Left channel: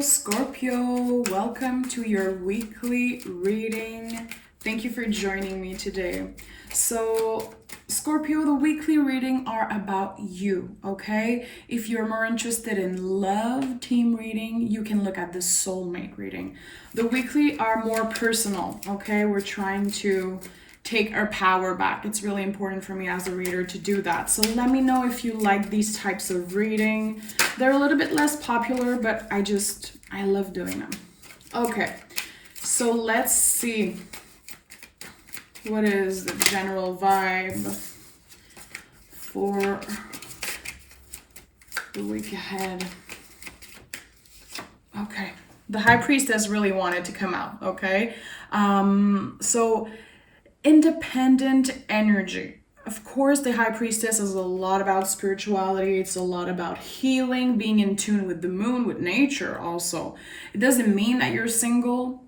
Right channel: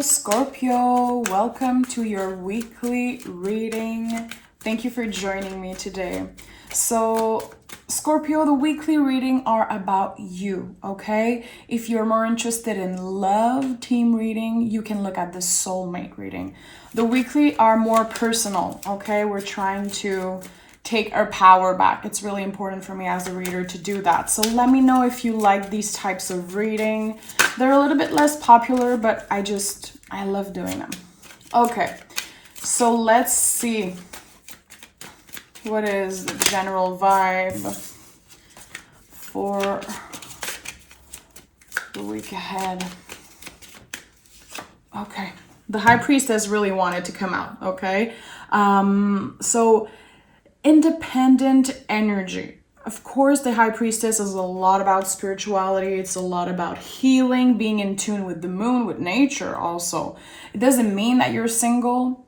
Scorpio, welcome to your weekly reading. Thank you for joining me today. So, Scorpio, the weekly reading are about you, okay? If you're more interested in love team reading, you can look at the soulmate reading. The weekly are more personal, okay? We're trying to take our power back. It's really important for me as a reader to do that. So let me know if you like these types of reading. They're a little bit less popular, but I love doing them. Okay, so let's see. What is the general vibe for the week ahead? Okay, the High Priestess really wanted to come out, okay? So independent energy. Of course, the High Priestess is a lot about spirituality. It's a lot about healing, being in tune with the moon, with nature also. It doesn't mean that you're single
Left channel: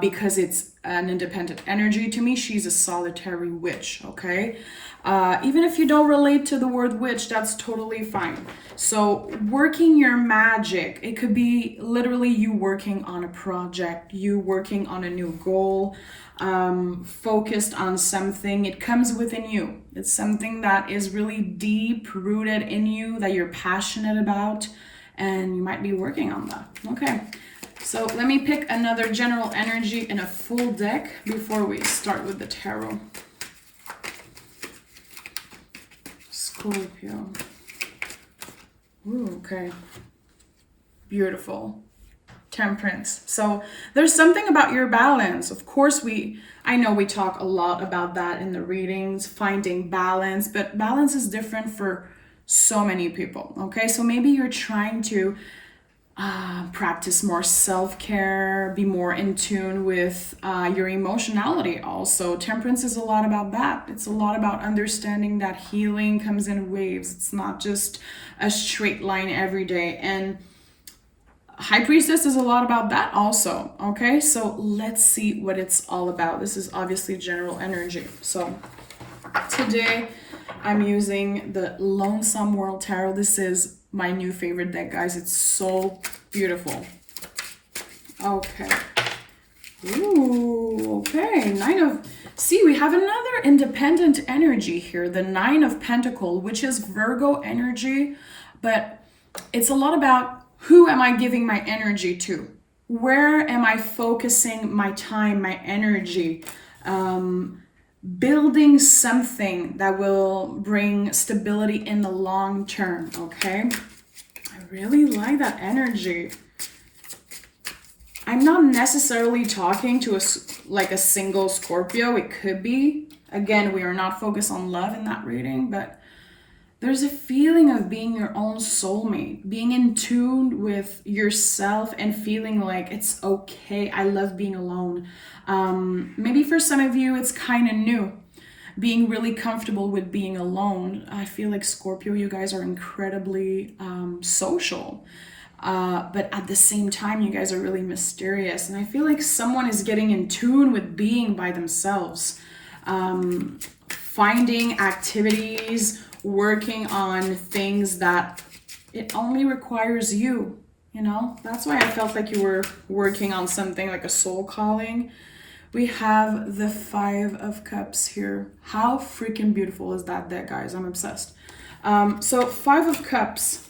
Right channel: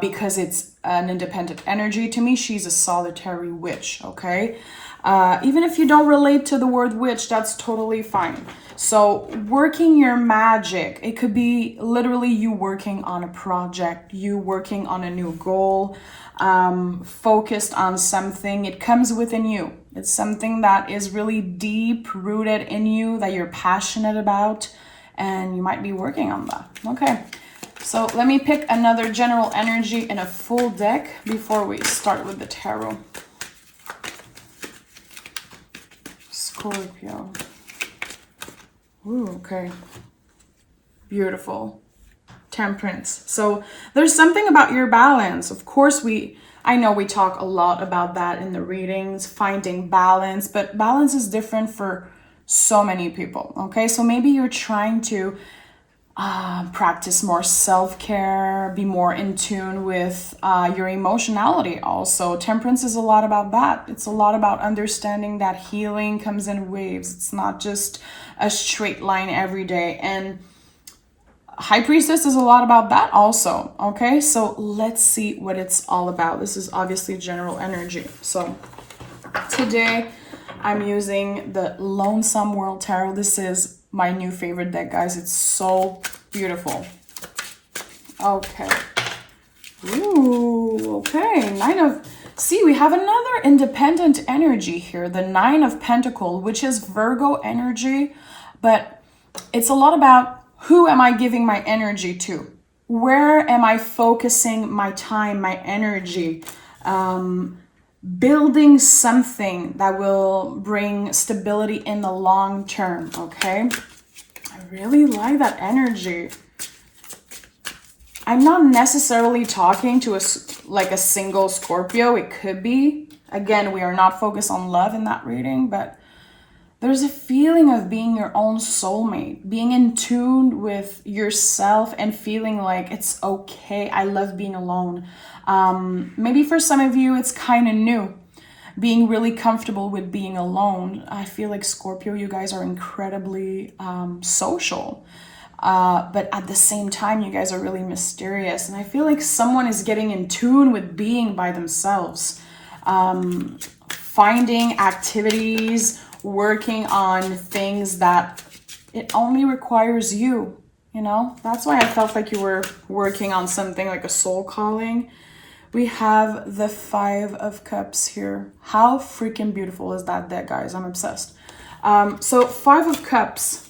because it's an independent energy. To me, she's a solitary witch, okay? Even if you don't relate to the word witch, that's totally fine. So working your magic, it could be literally you working on a project, you working on a new goal, focused on something. It comes within you. It's something that is really deep rooted in you, that you're passionate about, and you might be working on that. Okay, so let me pick another general energy in a full deck before we start with the tarot. Scorpio. Ooh, okay. Beautiful. Temperance. So there's something about your balance. Of course, I know we talk a lot about that in the readings, finding balance, but balance is different for so many people. Okay, so maybe you're trying to practice more self-care, be more in tune with your emotionality also. Temperance is a lot about that. It's a lot about understanding that healing comes in waves. It's not just a straight line every day. And High Priestess is a lot about that also, okay? So let's see what it's all about. This is obviously general energy. So today I'm using the Lonesome World Tarot. This is my new favorite deck, guys. It's so beautiful. Okay. Ooh, okay. See, we have another independent energy here. The Nine of Pentacles, which is Virgo energy, but it's a lot about who am I giving my energy to? Where am I focusing my time, my energy? Building something that will bring stability in the long term, okay? I really like that energy. I'm not necessarily talking to a single Scorpio. It could be. Again, we are not focused on love in that reading, but there's a feeling of being your own soulmate, being in tune with yourself and feeling like it's okay. I love being alone. Maybe for some of you, it's kind of new, being really comfortable with being alone. I feel like Scorpio, you guys are incredibly social. But at the same time, you guys are really mysterious. And I feel like someone is getting in tune with being by themselves, finding activities, working on things that it only requires you, you know? That's why I felt like you were working on something like a soul calling. We have the Five of Cups here. How freaking beautiful is that deck, guys? I'm obsessed. So Five of Cups,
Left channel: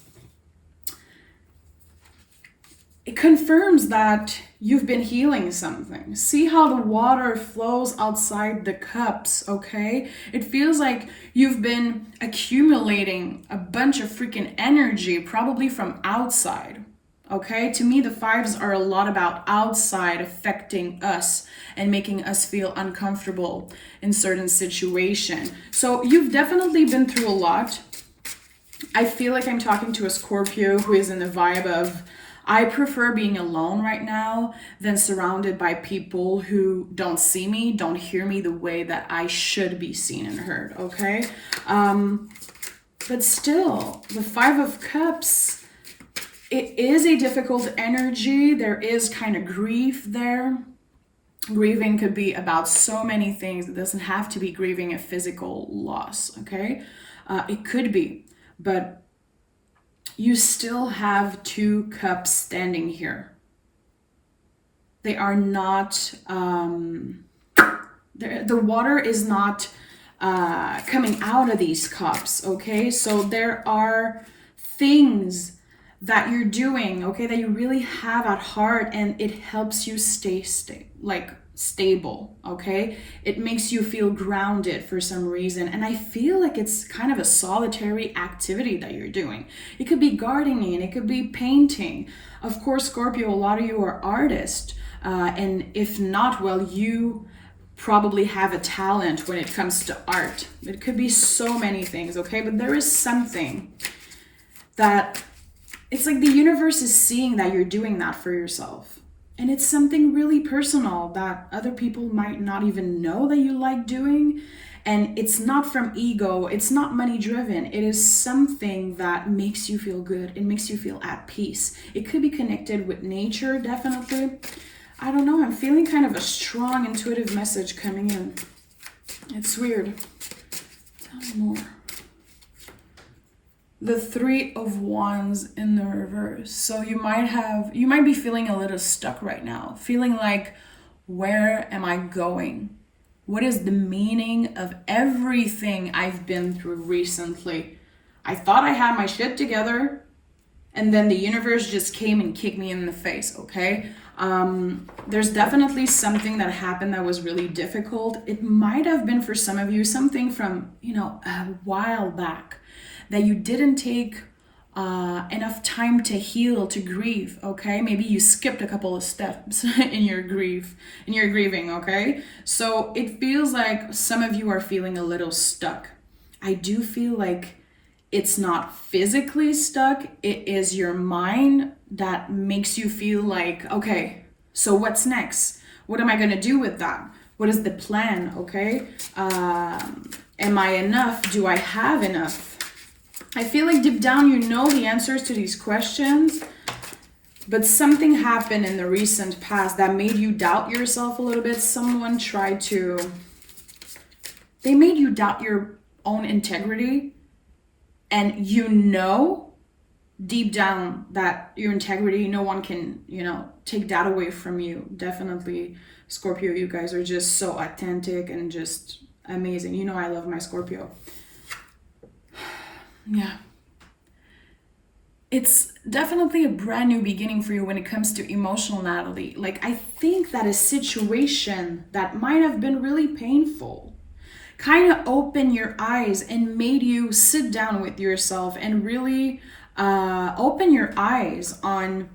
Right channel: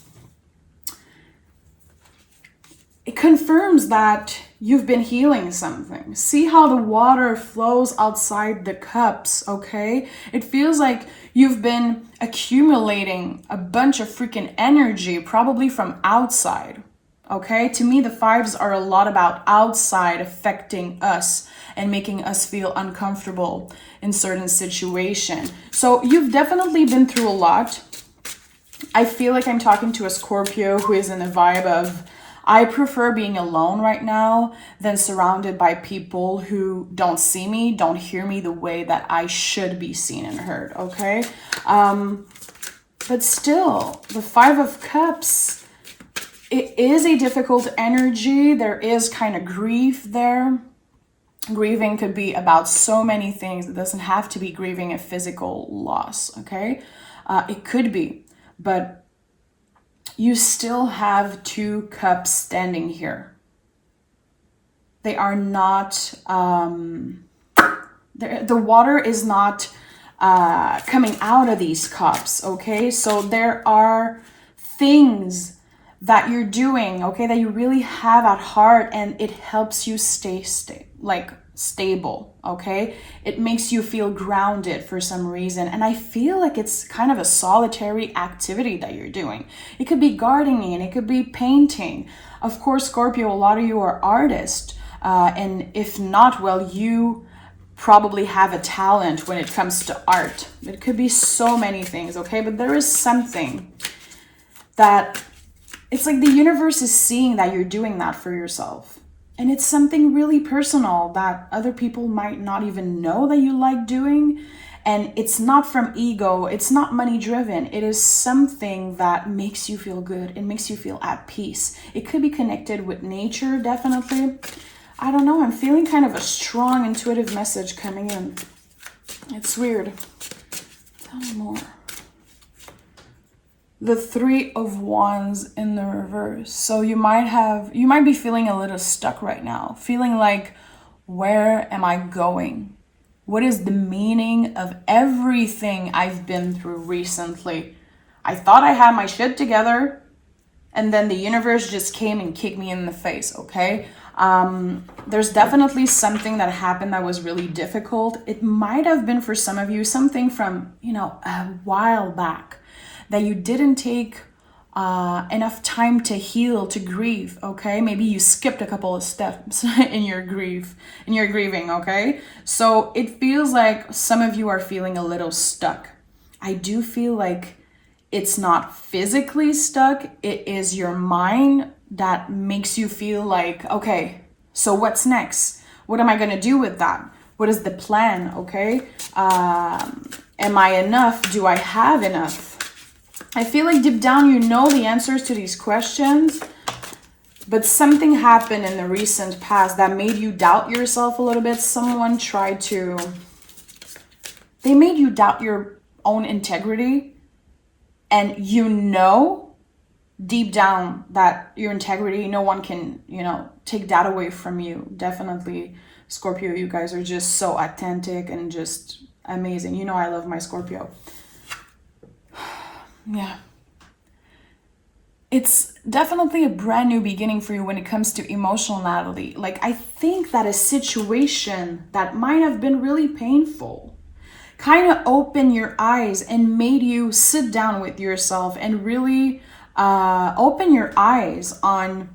it confirms that you've been healing something. See how the water flows outside the cups, okay? It feels like you've been accumulating a bunch of freaking energy, probably from outside, okay? To me, the fives are a lot about outside affecting us and making us feel uncomfortable in certain situations. So you've definitely been through a lot. I feel like I'm talking to a Scorpio who is in the vibe of, I prefer being alone right now than surrounded by people who don't see me, don't hear me the way that I should be seen and heard, okay? But still, the Five of Cups, it is a difficult energy. There is kind of grief there. Grieving could be about so many things. It doesn't have to be grieving a physical loss, okay? It could be, but you still have 2 cups standing here. They are not, the water is not coming out of these cups, okay? So there are things that you're doing, okay, that you really have at heart, and it helps you stay stable, okay? It makes you feel grounded for some reason. And I feel like it's kind of a solitary activity that you're doing. It could be gardening, it could be painting. Of course, Scorpio, a lot of you are artists. And if not, well, you probably have a talent when it comes to art. It could be so many things, okay? But there is something that it's like the universe is seeing that you're doing that for yourself. And it's something really personal that other people might not even know that you like doing. And it's not from ego, it's not money driven. It is something that makes you feel good. It makes you feel at peace. It could be connected with nature, definitely. I don't know, I'm feeling kind of a strong intuitive message coming in. It's weird. Tell me more. The 3 of Wands in the reverse. So you might be feeling a little stuck right now. Feeling like, where am I going? What is the meaning of everything I've been through recently? I thought I had my shit together, and then the universe just came and kicked me in the face, okay? There's definitely something that happened that was really difficult. It might have been for some of you something from, a while back that you didn't take enough time to heal, to grieve, okay? Maybe you skipped a couple of steps in your grieving, okay? So it feels like some of you are feeling a little stuck. I do feel like it's not physically stuck. It is your mind that makes you feel like, okay, so what's next? What am I gonna do with that? What is the plan, okay? Am I enough? Do I have enough? I feel like deep down you know the answers to these questions, but something happened in the recent past that made you doubt yourself a little bit. They made you doubt your own integrity, and deep down that your integrity, no one can, take that away from you. Definitely, Scorpio, you guys are just so authentic and just amazing. I love my Scorpio. Yeah. It's definitely a brand new beginning for you when it comes to emotionality. Like, I think that a situation that might have been really painful kind of opened your eyes and made you sit down with yourself and really open your eyes on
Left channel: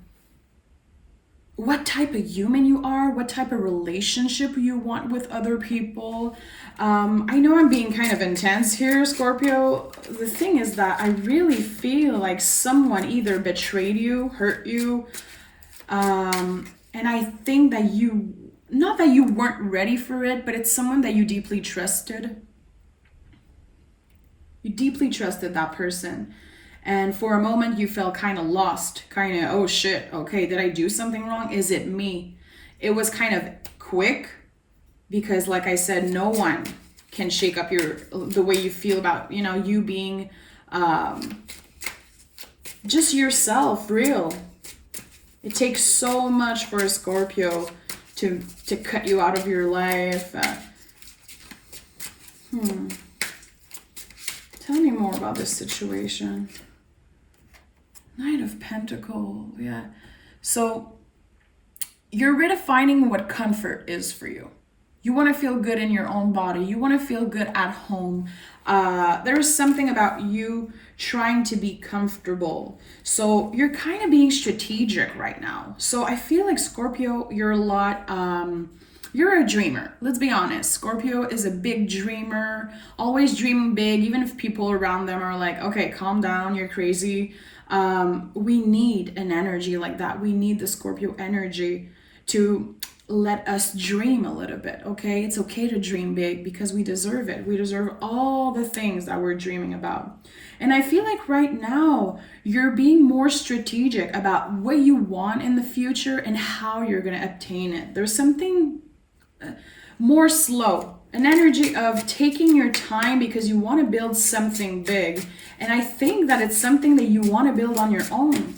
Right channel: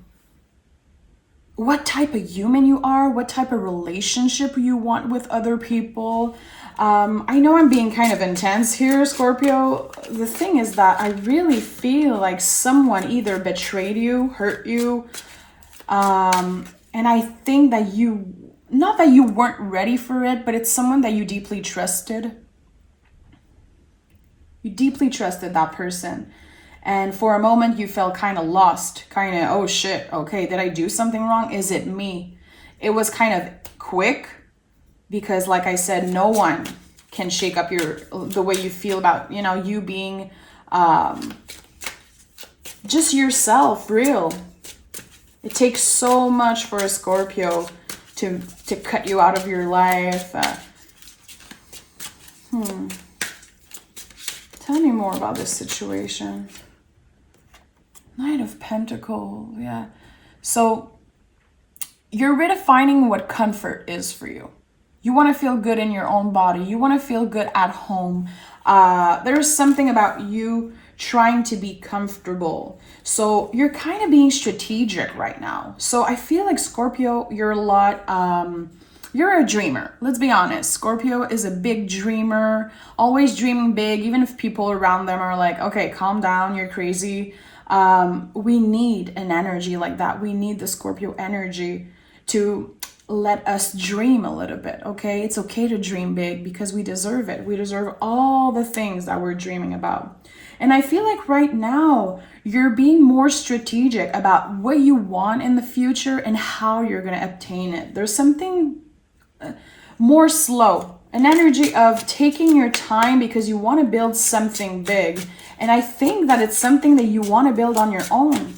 what type of human you are, what type of relationship you want with other people. I know I'm being kind of intense here, Scorpio. The thing is that I really feel like someone either betrayed you, hurt you, and I think that not that you weren't ready for it, but it's someone that you deeply trusted. You deeply trusted that person. And for a moment you felt kind of lost, oh shit, okay, did I do something wrong? Is it me? It was kind of quick because, like I said, no one can shake up the way you feel about, you being just yourself, real. It takes so much for a Scorpio to cut you out of your life. Tell me more about this situation. Knight of Pentacles, yeah. So you're redefining what comfort is for you. You want to feel good in your own body. You want to feel good at home. There's something about you trying to be comfortable. So you're kind of being strategic right now. So I feel like, Scorpio, you're a dreamer. Let's be honest. Scorpio is a big dreamer, always dreaming big, even if people around them are like, okay, calm down, you're crazy. We need an energy like that. We need the Scorpio energy to let us dream a little bit, okay? It's okay to dream big because we deserve it. We deserve all the things that we're dreaming about. And I feel like right now you're being more strategic about what you want in the future and how you're going to obtain it. There's something more slow. an energy of taking your time because you want to build something big. And I think that it's something that you want to build on your own.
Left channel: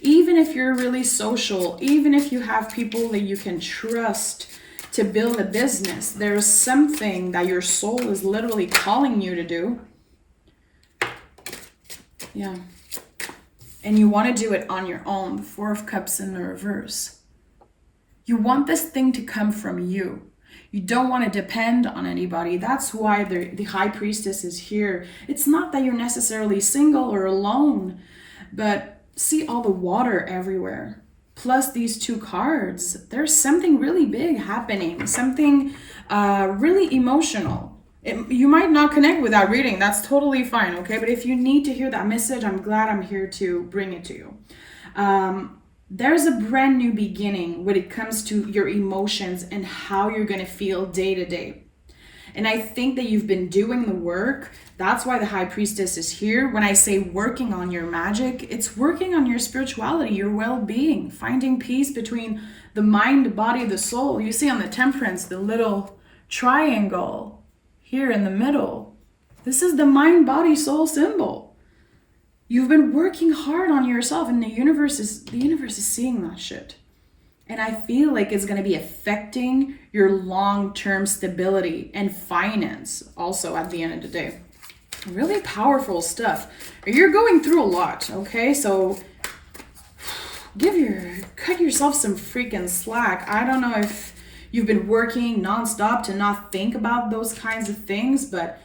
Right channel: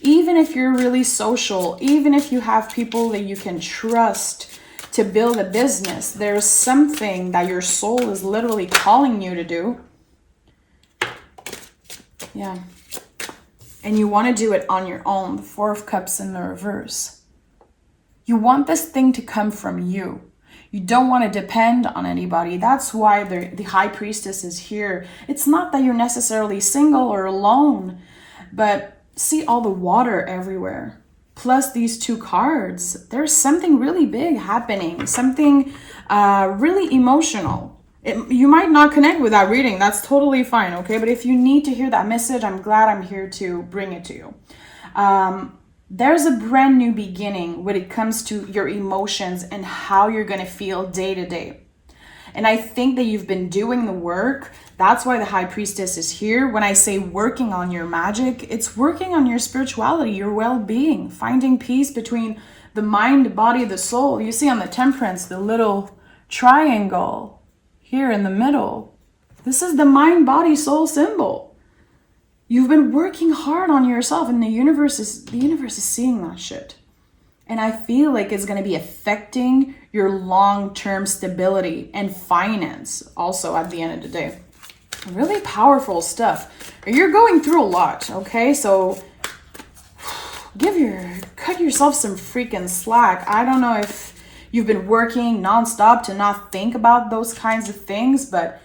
Even if you're really social, even if you have people that you can trust to build a business, there's something that your soul is literally calling you to do. Yeah. And you want to do it on your own. The Four of Cups in the reverse. You want this thing to come from you. You don't want to depend on anybody. That's why the High Priestess is here. It's not that you're necessarily single or alone, but see all the water everywhere. Plus these two cards. There's something really big happening. Something really emotional. You might not connect with that reading. That's totally fine, okay? But if you need to hear that message, I'm glad I'm here to bring it to you. There's a brand new beginning when it comes to your emotions and how you're going to feel day to day. And I think that you've been doing the work. That's why the High Priestess is here. When I say working on your magic, it's working on your spirituality, your well-being, finding peace between the mind, the body, the soul. You see on the Temperance, the little triangle here in the middle. This is the mind, body, soul symbol. You've been working hard on yourself, and the universe is seeing that shit. And I feel like it's going to be affecting your long-term stability and finance also at the end of the day. Really powerful stuff. You're going through a lot, okay? So cut yourself some freaking slack. I don't know if you've been working nonstop to not think about those kinds of things, but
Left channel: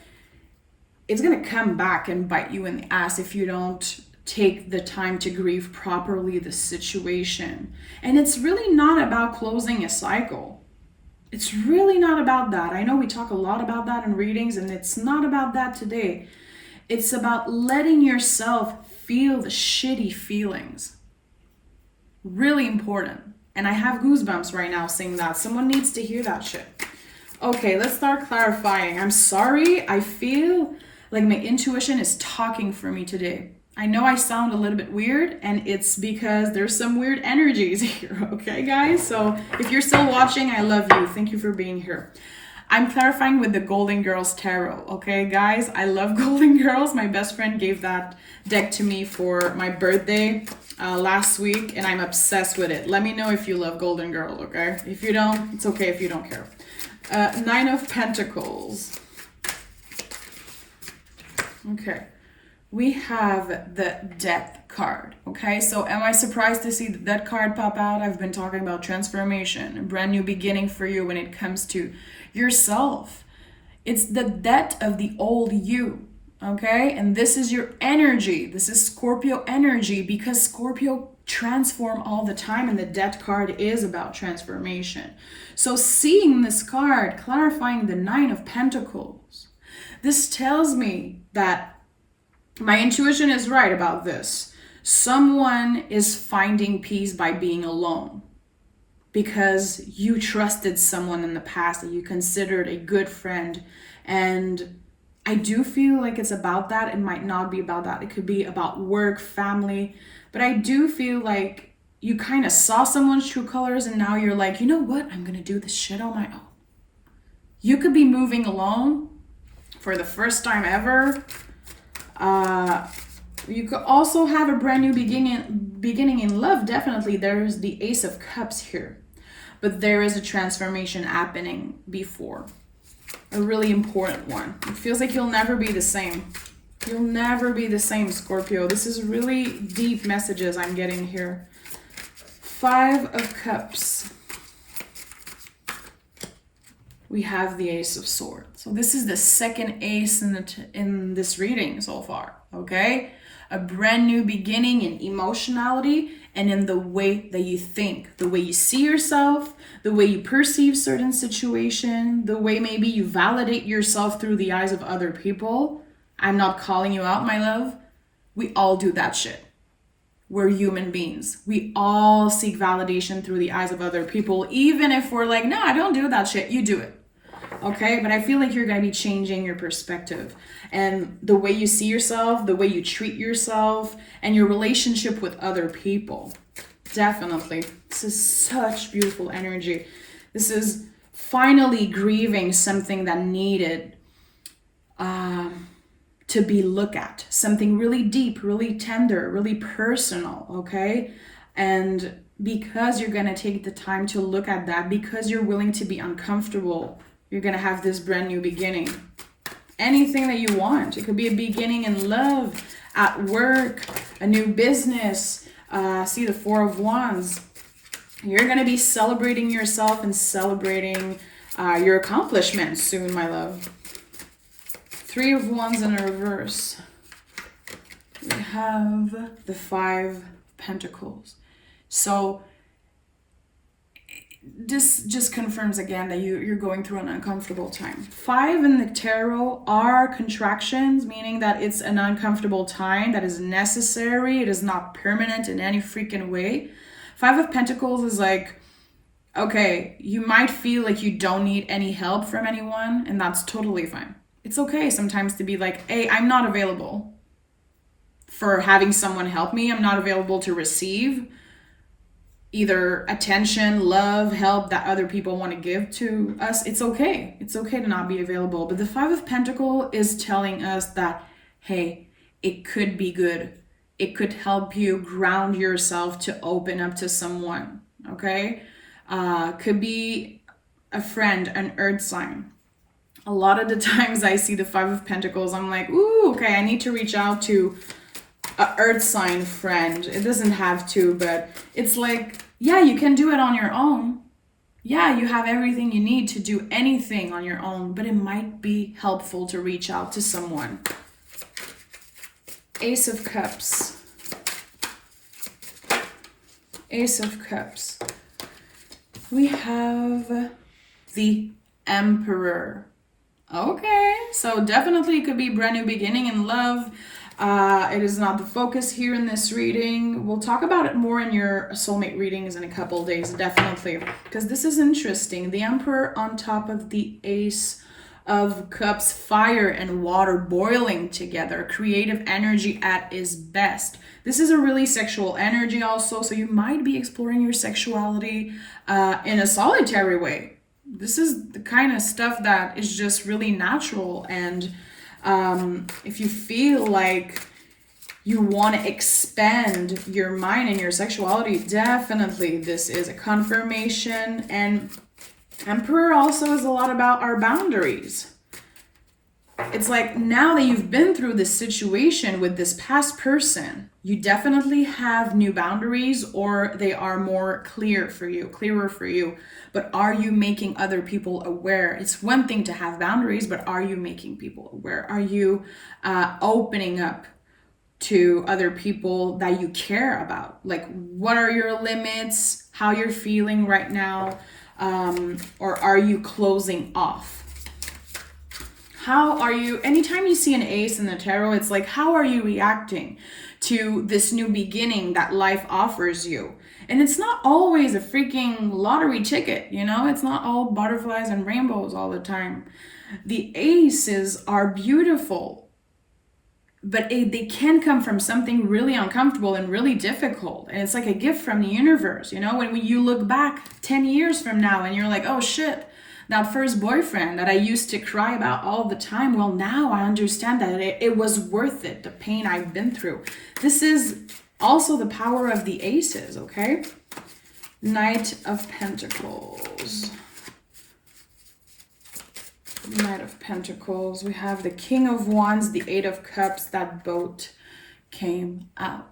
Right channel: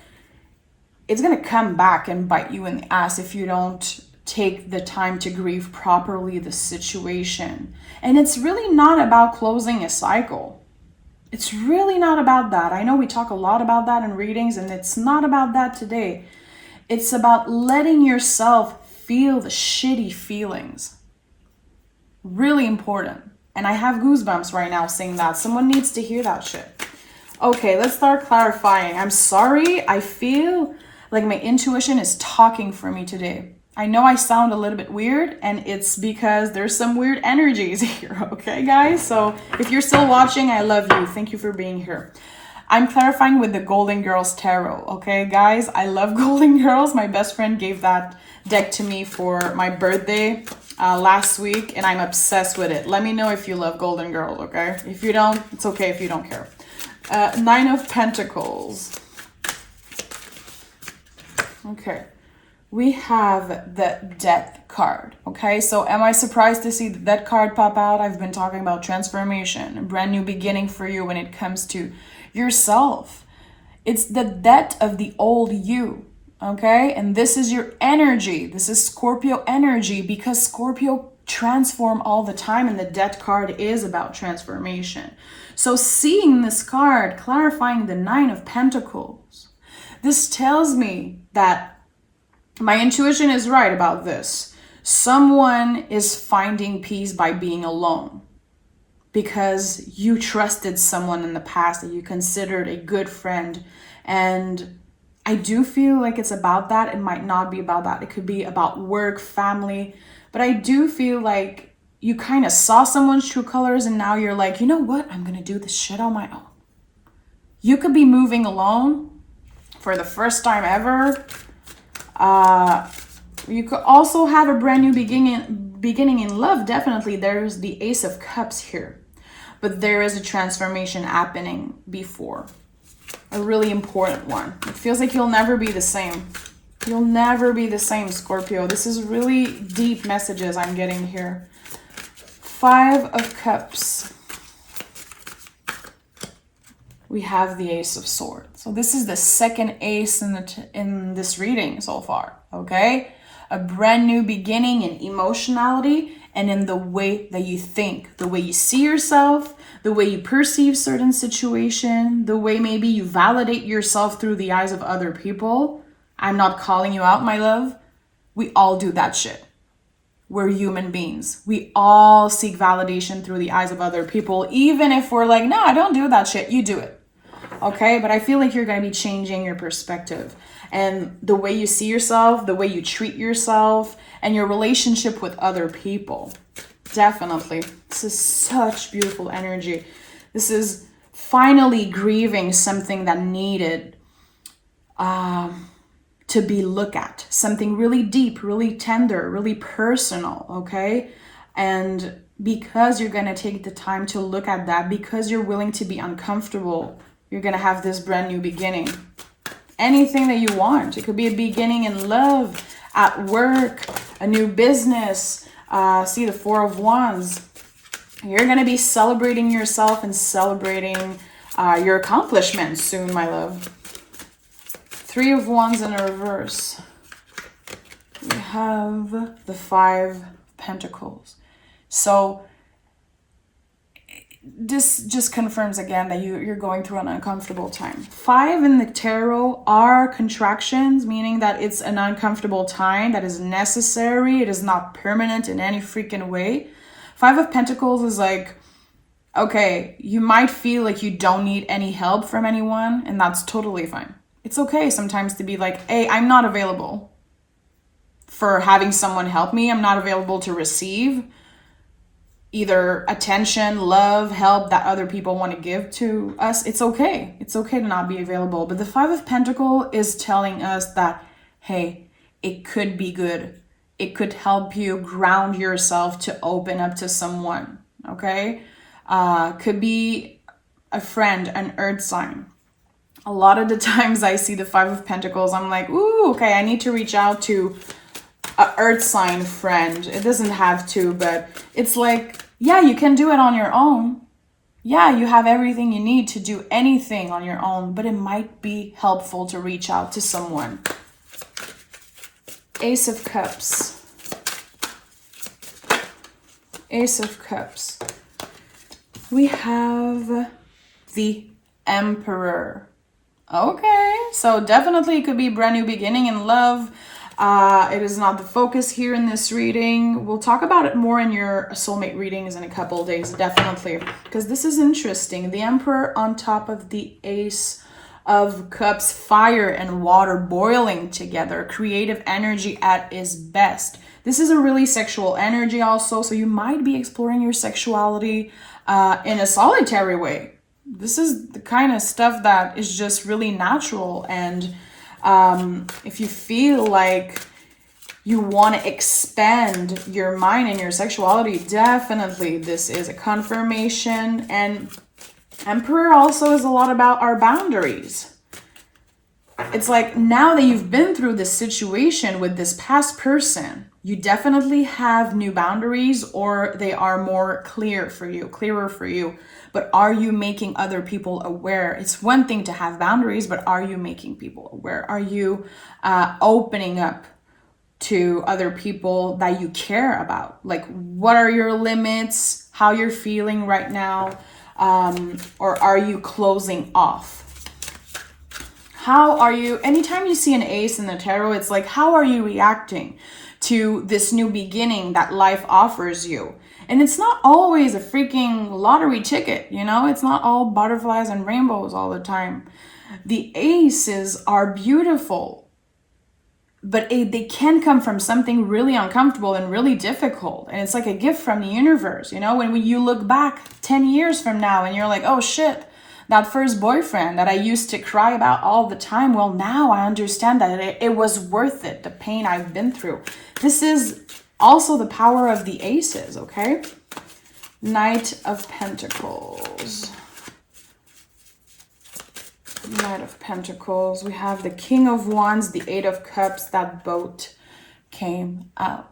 it's going to come back and bite you in the ass if you don't take the time to grieve properly the situation. And it's really not about closing a cycle. It's really not about that. I know we talk a lot about that in readings, and it's not about that today. It's about letting yourself feel the shitty feelings. Really important. And I have goosebumps right now saying that. Someone needs to hear that shit. Okay, let's start clarifying. I'm sorry. I feel like my intuition is talking for me today. I know I sound a little bit weird, and it's because there's some weird energies here, okay, guys? So if you're still watching, I love you. Thank you for being here. I'm clarifying with the Golden Girls Tarot, okay, guys? I love Golden Girls. My best friend gave that deck to me for my birthday last week, and I'm obsessed with it. Let me know if you love Golden Girls, okay? If you don't, it's okay if you don't care. Nine of Pentacles. Okay, we have the Death card, okay? So am I surprised to see that card pop out? I've been talking about transformation, a brand new beginning for you when it comes to yourself. It's the death of the old you, okay? And this is your energy. This is Scorpio energy, because Scorpio transform all the time, and the Death card is about transformation. So seeing this card, clarifying the Nine of Pentacles, this tells me that my intuition is right about this. Someone is finding peace by being alone because you trusted someone in the past that you considered a good friend. And I do feel like it's about that. It might not be about that. It could be about work, family. But I do feel like you kind of saw someone's true colors, and now you're like, you know what? I'm going to do this shit on my own. You could be moving alone for the first time ever. You could also have a brand new beginning in love. Definitely, there's the Ace of Cups here, but there is a transformation happening before, a really important one. It feels like you'll never be the same. You'll never be the same, Scorpio. This is really deep messages I'm getting here. Five of Cups. We have the Ace of Swords. So this is the second ace in this reading so far, okay? A brand new beginning in emotionality and in the way that you think, the way you see yourself, the way you perceive certain situation, the way maybe you validate yourself through the eyes of other people. I'm not calling you out, my love. We all do that shit. We're human beings. We all seek validation through the eyes of other people, even if we're like, no, I don't do that shit. You do it. Okay, but I feel like you're going to be changing your perspective and the way you see yourself, the way you treat yourself, and your relationship with other people. Definitely. This is such beautiful energy. This is finally grieving something that needed to be looked at, something really deep, really tender, really personal, okay? And because you're going to take the time to look at that, because you're willing to be uncomfortable, you're going to have this brand new beginning. Anything that you want. It could be a beginning in love, at work, a new business. See the Four of Wands. You're going to be celebrating yourself and celebrating your accomplishments soon, my love. Three of Wands in reverse. We have the Five Pentacles. So this just confirms again that you're going through an uncomfortable time. Five in the tarot are contractions, meaning that it's an uncomfortable time that is necessary. It is not permanent in any freaking way. Five of Pentacles is like, okay, you might feel like you don't need any help from anyone, and that's totally fine. It's okay sometimes to be like, hey, I'm not available for having someone help me. I'm not available to receive either attention, love, help that other people want to give to us. It's okay. It's okay to not be available. But the Five of Pentacles is telling us that, hey, it could be good. It could help you ground yourself to open up to someone, okay? Could be a friend, an earth sign. A lot of the times I see the Five of Pentacles, I'm like, ooh, okay, I need to reach out to an earth sign friend. It doesn't have to, but it's like, yeah, you can do it on your own. Yeah, you have everything you need to do anything on your own, but it might be helpful to reach out to someone. Ace of Cups. Ace of Cups. We have the Emperor. Okay, so definitely it could be brand new beginning in love. It is not the focus here in this reading. We'll talk about it more in your soulmate readings in a couple of days, definitely, because this is interesting. The Emperor on top of the Ace of Cups, fire and water boiling together, creative energy at its best. This is a really sexual energy also, so you might be exploring your sexuality in a solitary way. This is the kind of stuff that is just really natural, and if you feel like you want to expand your mind and your sexuality, definitely this is a confirmation. And Emperor also is a lot about our boundaries. It's like, now that you've been through this situation with this past person, you definitely have new boundaries, or they are more clearer for you. But are you making other people aware? It's one thing to have boundaries, but are you making people aware? Are you opening up to other people that you care about? Like, what are your limits? How you're feeling right now? Or are you closing off? How are you, anytime you see an ace in the tarot, it's like, how are you reacting to this new beginning that life offers you? And it's not always a freaking lottery ticket, you know? It's not all butterflies and rainbows all the time. The aces are beautiful, but they can come from something really uncomfortable and really difficult. And it's like a gift from the universe, you know? When you look back 10 years from now and you're like, oh shit, that first boyfriend that I used to cry about all the time, well, now I understand that it was worth it, the pain I've been through. This is also the power of the aces, okay? Knight of Pentacles. Knight of Pentacles. We have the King of Wands, the Eight of Cups. That boat came out.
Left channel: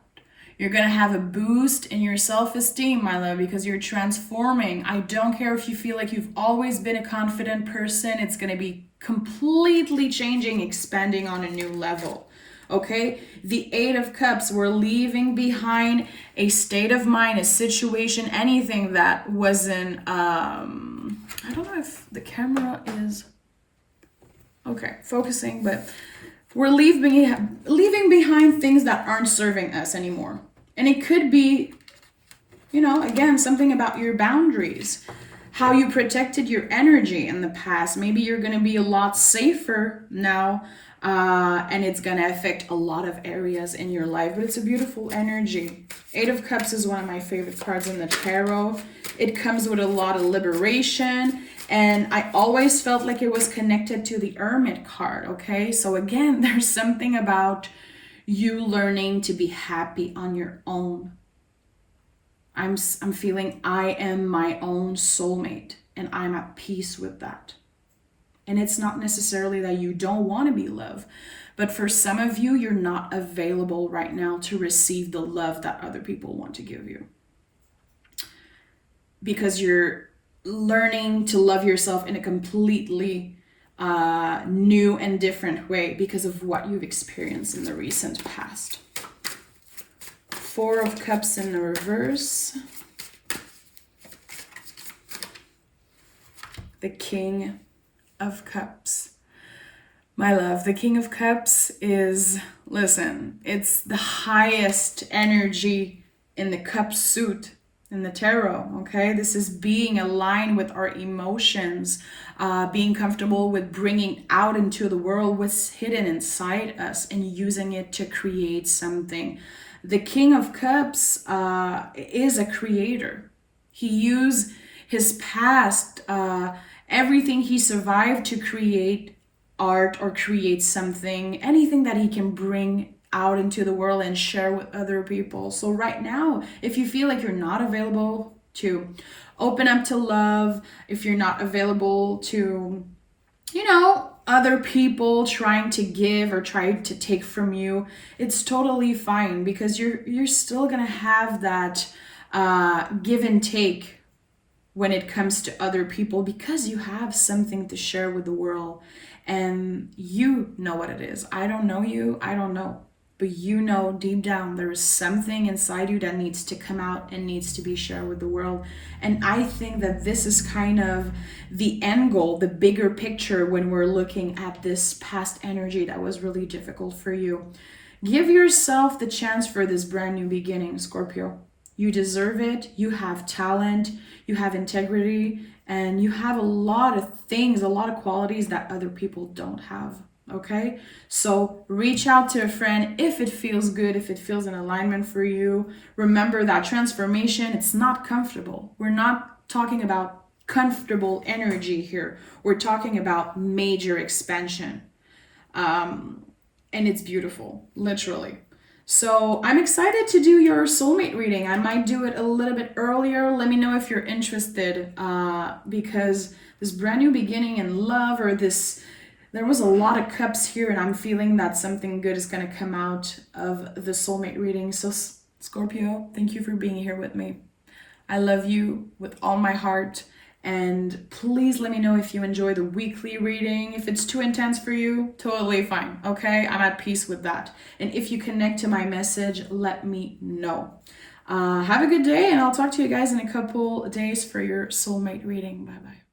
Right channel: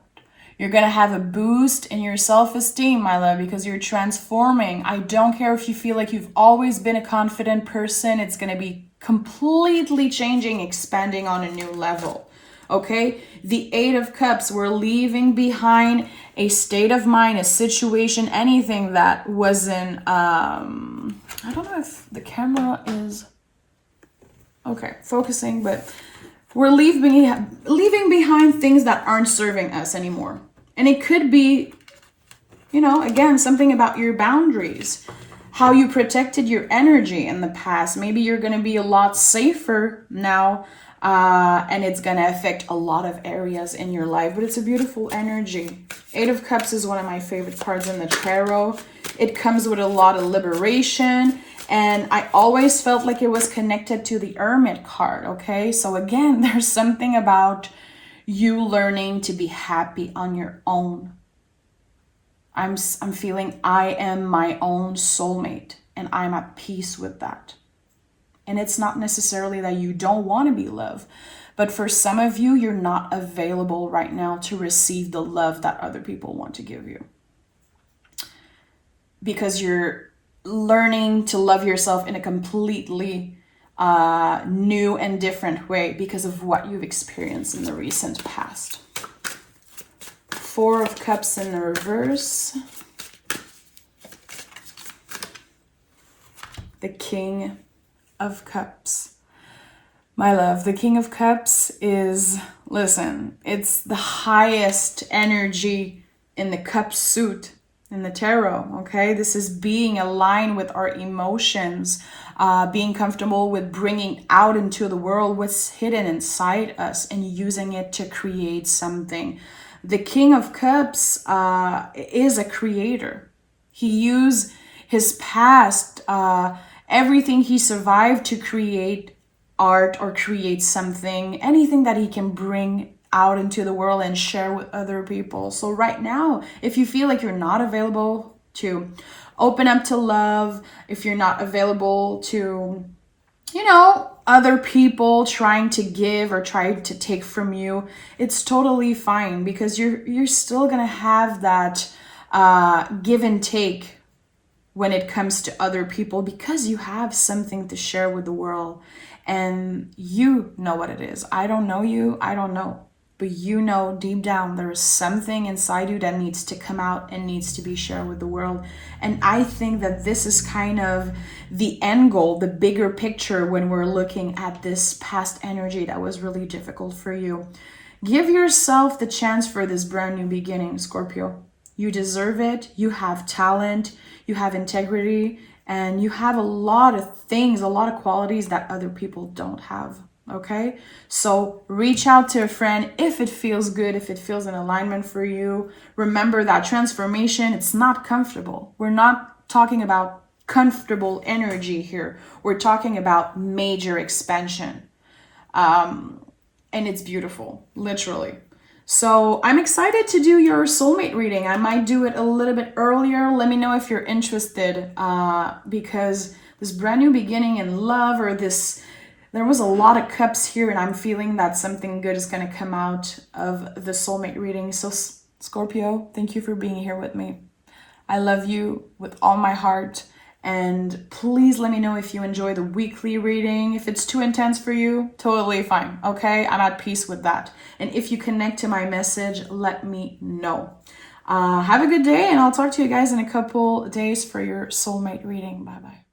You're going to have a boost in your self-esteem, my love, because you're transforming. I don't care if you feel like you've always been a confident person. It's going to be completely changing, expanding on a new level. Okay? The Eight of Cups, we're leaving behind a state of mind, a situation, anything that wasn't, I don't know if the camera is, okay, focusing, but we're leaving behind things that aren't serving us anymore. And it could be, you know, again, something about your boundaries, how you protected your energy in the past. Maybe you're going to be a lot safer now, and it's going to affect a lot of areas in your life. But it's a beautiful energy. Eight of Cups is one of my favorite cards in the tarot. It comes with a lot of liberation. And I always felt like it was connected to the Hermit card, okay? So again, there's something about you learning to be happy on your own. I'm feeling I am my own soulmate, and I'm at peace with that. And it's not necessarily that you don't want to be loved, but for some of you, you're not available right now to receive the love that other people want to give you. Because you're learning to love yourself in a completely new and different way because of what you've experienced in the recent past. Four of Cups in the reverse. The King of Cups. My love, the King of Cups is, listen, it's the highest energy in the cup suit in the tarot, okay? This is being aligned with our emotions, being comfortable with bringing out into the world what's hidden inside us and using it to create something. The King of Cups is a creator. He used his past, everything he survived to create art or create something, anything that he can bring out into the world and share with other people. So right now, if you feel like you're not available to open up to love, if you're not available to, other people trying to give or try to take from you, it's totally fine, because you're still gonna have that give and take when it comes to other people, because you have something to share with the world, and you know what it is. I don't know you, I don't know. But deep down, there is something inside you that needs to come out and needs to be shared with the world. And I think that this is kind of the end goal, the bigger picture, when we're looking at this past energy that was really difficult for you. Give yourself the chance for this brand new beginning, Scorpio. You deserve it. You have talent, you have integrity, and you have a lot of things, a lot of qualities that other people don't have. Okay, so reach out to a friend if it feels good, if it feels in alignment for you. Remember that transformation, it's not comfortable. We're not talking about comfortable energy here. We're talking about major expansion. And it's beautiful, literally. So I'm excited to do your soulmate reading. I might do it a little bit earlier. Let me know if you're interested, because this brand new beginning in love, or there was a lot of cups here, and I'm feeling that something good is going to come out of the soulmate reading. So Scorpio, thank you for being here with me. I love you with all my heart. And please let me know if you enjoy the weekly reading. If it's too intense for you, totally fine. Okay, I'm at peace with that. And if you connect to my message, let me know. Have a good day, and I'll talk to you guys in a couple days for your soulmate reading. Bye-bye.